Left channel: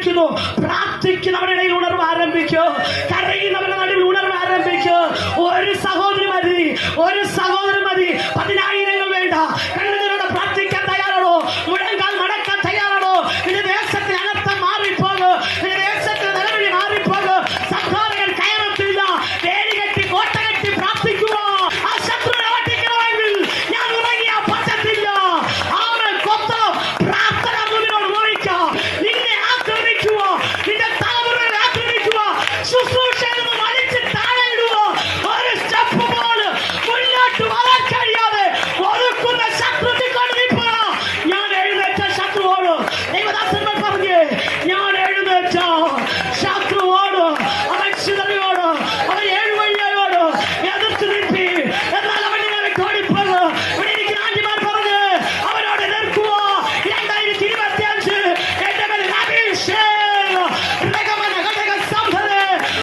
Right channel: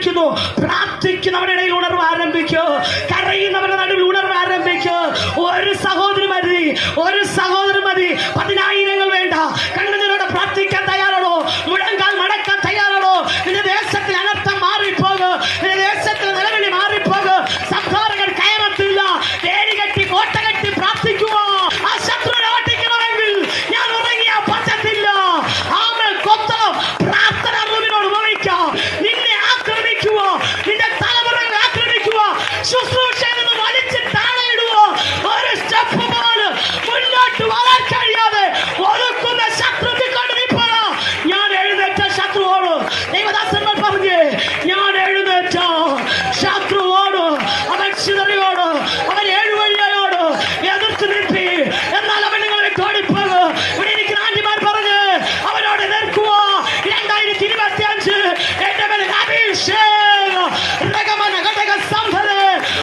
ആരംഭിക്കുന്നു പ്രാർത്ഥിക്കുന്നവരുടെ ഇടയിൽ ഉണർവ് ആരംഭിക്കോ.